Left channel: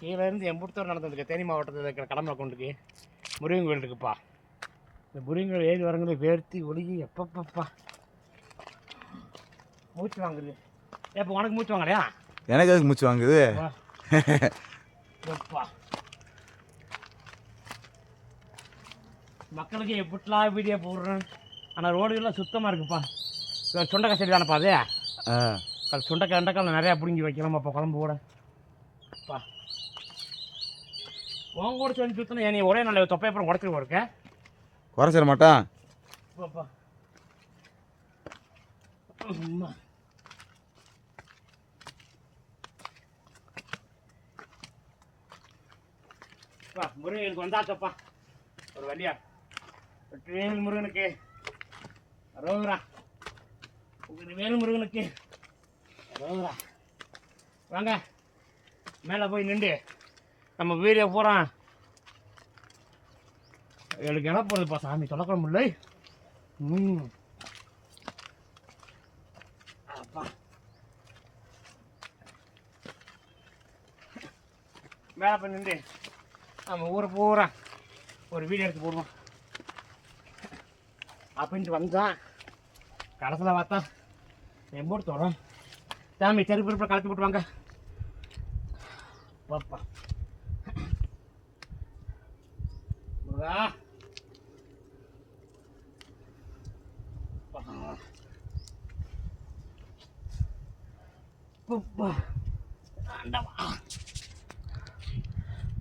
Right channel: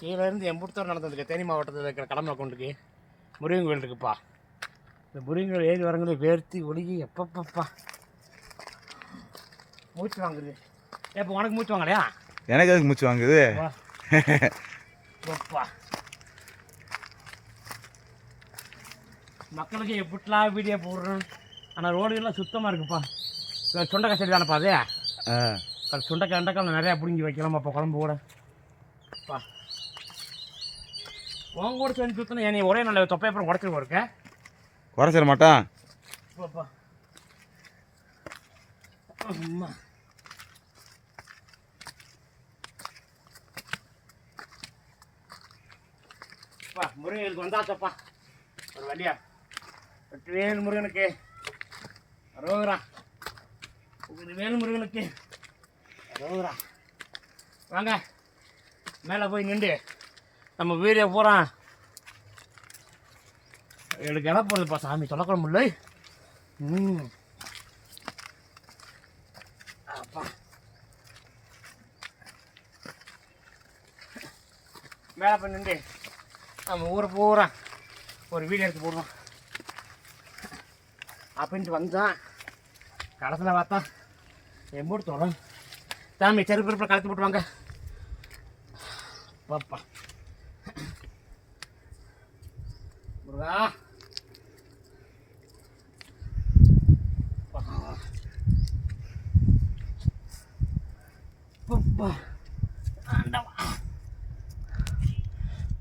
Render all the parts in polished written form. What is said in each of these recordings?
கீழேருந்து எம்புத்தூர் நடந்ததுக்கு தேனி மாவட்டத்தில் இருக்கிற கடம்பளை கொண்டுக்கு முருகன் கோயில் இருக்குப்பா. இந்த முருகன் கோயில் ஏறி வரங்களே வேர்த்தி ஒழுகி எப்பப்பப்பா மூச்சு வாங்குது. இப்போ உனக்கு மூச்சு வாங்கலையா? எனக்கு அதுக்கு மூச்சு வாங்குது. மக்களுக்கு எப்படிலாம் வீடியோ போடுறோம். ஆனால் ரோடுகள்லாம் சுத்தமாக இருக்குப்பா. சுண்டைக்காய் செடி தானேப்பா அது? சுண்டைக்காய் அண்டைக்காய் நிறையா பிடுங்கி வைக்கலாமாப்பா குழம்பு கூட. பா உன் கூட சேர்ந்து சுத்தணும். ஏன் நீ ஒரே நல்ல தொப்பையப்புறம் உடச்சிட்டு இருக்க? குறைச்சிட மாட்டான். பாப்பா முருகனுக்கு வந்தாச்சப்பா ஒரு வழியா. வேல் முருகனுக்கு ரோகரா, வேல் முருகனுக்கு ரோகரா. வாங்க மேலே போய் நின்று நம்ம வீடியோ போகிறான். எனக்கு என்ன போகிறதுப்பா சாமி தொலைக்கிற முடியல. அப்பா மேலே போய் நின்று நம்ம ஊரை போகிறான் ஒரு வீடியோ எடுத்து போடுவோம் அப்படின்ட்டு வந்தான். கடைசியில் பார்த்தா எம்போடு தொடரும் சாமி செருப்பு கலத்து போட்டுவாங்க. பாப்பா முருகா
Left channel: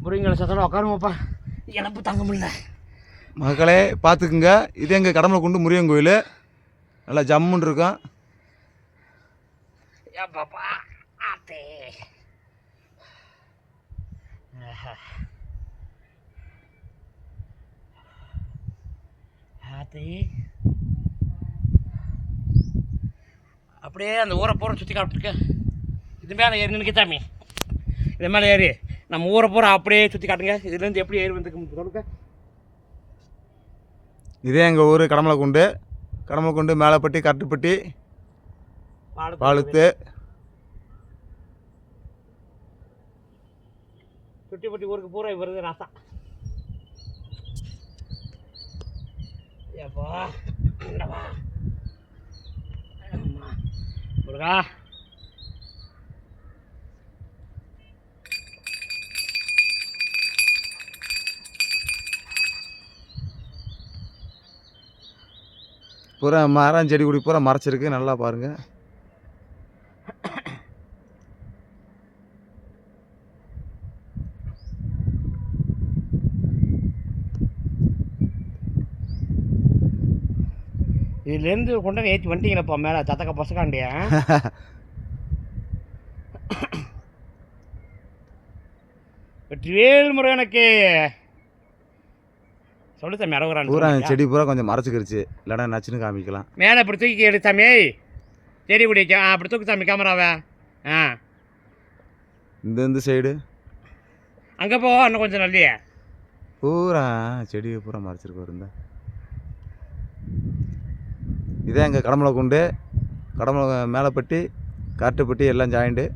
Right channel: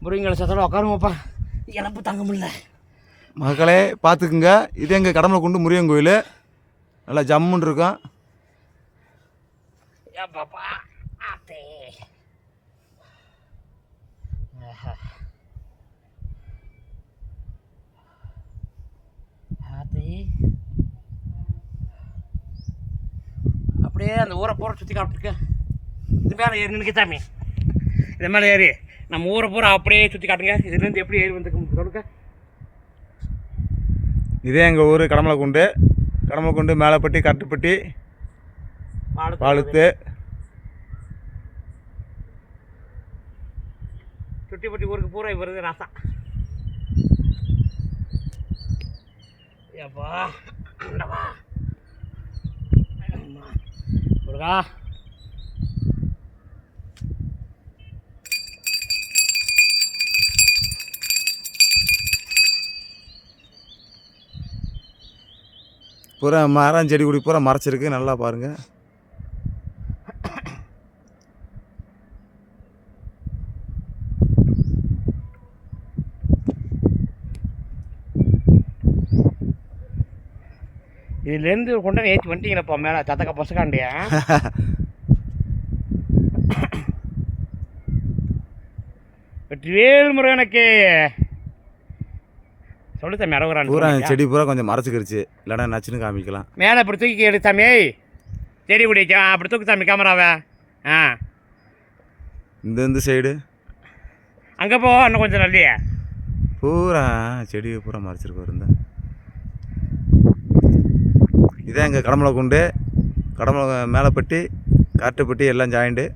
முருங்கலை சத்தோட உட்காருமாப்பா, இழப்பு தாங்க முடியல. மக்களே பார்த்துக்குங்க, இது எங்கள் கடம்பளை கொண்டு முருகன் கோயில். நல்லா ஜம்முன்னு இருக்கும். பாப்பா ஆத்தே ஆத்தே அப்படியே அந்த ஊரை பூரா சுற்றி காப்பிட்டுருக்கு. இது மேலே ஏறி நினைக்க சாமி, இது மேலே ஏறி நம்ம ஊரை பூரா அப்படியே சுற்றி காட்டுங்க. இதுலேருந்து எப்படி ஏறி வந்துருக்கு சொல்லுங்க. இதே எங்கள் ஊர் கடம்பளை கொண்டு மேலப்பட்டி கட்டுப்பட்டி பாலுத்து சுட்டிப்பட்டி ஊருக்கு பூரா வருது ராசா. ஏப்பா முருகா பூரா மரம் செடி கொடி பூரா மறைச்சிருக்கு. நல்லா பாருங்கள். இதுலேருந்து கொண்டு ஏற்றி வந்துட்டீங்களப்பா மேலே தத்தக்க பசக்காண்டிய. வெற்றிவேல் முருகனுக்கு சொல்லு தம்பி. அறகுறான் பூரா செடி பூரா கொஞ்சம் மறைச்சிக்கிருச்சு, இல்லைனா நச்சுன்னு காமிக்கலாம். மேலே அப்படி தூக்கி எடு சாமி, செடி பிடிக்க அப்படி தூக்கி சாமி கேமராவை. இந்த சைடு அங்கே போ, இன்னும் கொஞ்சம் நல்லியே. பூரா செடி பூரா மறைச்சிருக்கு இருந்தா. இதே எங்கள் கடம்பளை மேலப்பட்டி காட்டுப்பட்டி எல்லாம் ஜாயிண்ட்டு.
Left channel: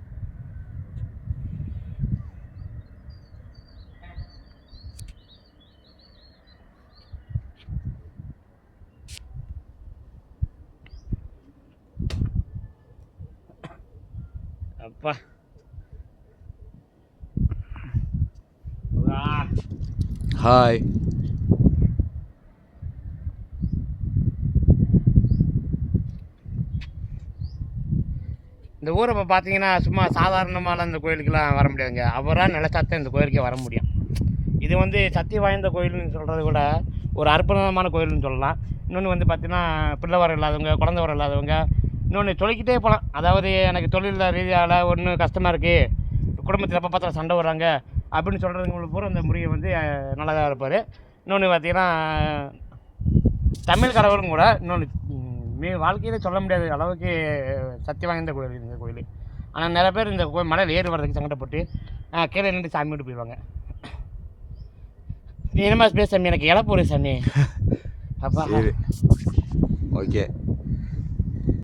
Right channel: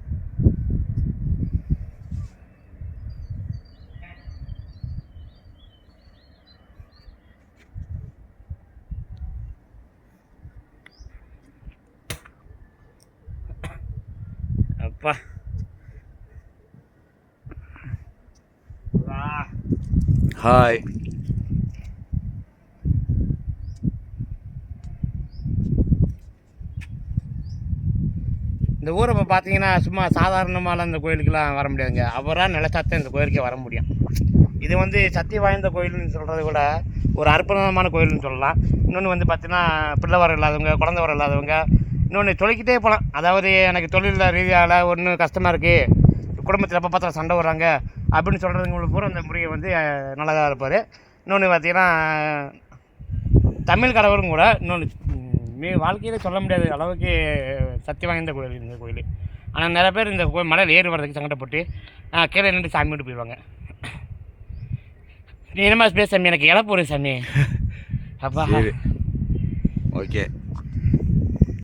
அப்பா ஹாய். இந்த ஊரை இப்போ பார்த்தீங்கன்னா சும்மா சாதாரணமான இந்த கோயிலுக்கெல்லாம் வர முடியாதுங்க. அவராக நிலச்சாத்தான் இந்த கோயிலுக்கே வர முடியும். இது வந்து சக்தி வாய்ந்த கோயில்னு சொல்கிறத விட ஒரு அற்புதமான கோயில்னு சொல்லலாம். இன்னொன்று வந்து பார்த்தீங்கன்னா பிள்ளை வர இல்லாதவங்க, குழந்தை வர இல்லாதவங்க, இன்னொன்று சொல்லிக்கிட்டே போகலாம். அதாவது எனக்கு தொழில் ரீதியால் ஒன்றும் கஷ்டமாக இருக்குது, குடும்பத்தில் எப்போ பார்த்தா சண்டை வர்றாங்க அப்படின்னு சொல்கிறவங்களுக்கு பூரா இந்த முறையை வந்து நல்லதாக இருப்பார். இன்னொன்று பார்த்தீங்கன்னா தமிழ் கடவுளும் கூட இன்னொன்று வாழ்க்கையில் சொல்ல முடியாத அளவுக்கு சக்தி வாய்ந்த கோயில் இந்த கோயில். ஆனால் நிறைய பேர் இந்த கோயில் மலையில் ஏறி வர்றதுக்கு சங்கடப்பட்டு கீழே நின்று சாமி விட்டு போயிடுவாங்க. நீ என்னமா பேச சாமி, எனக்கு இழப்பு ஒரு சாமி. அப்பா ஓகே.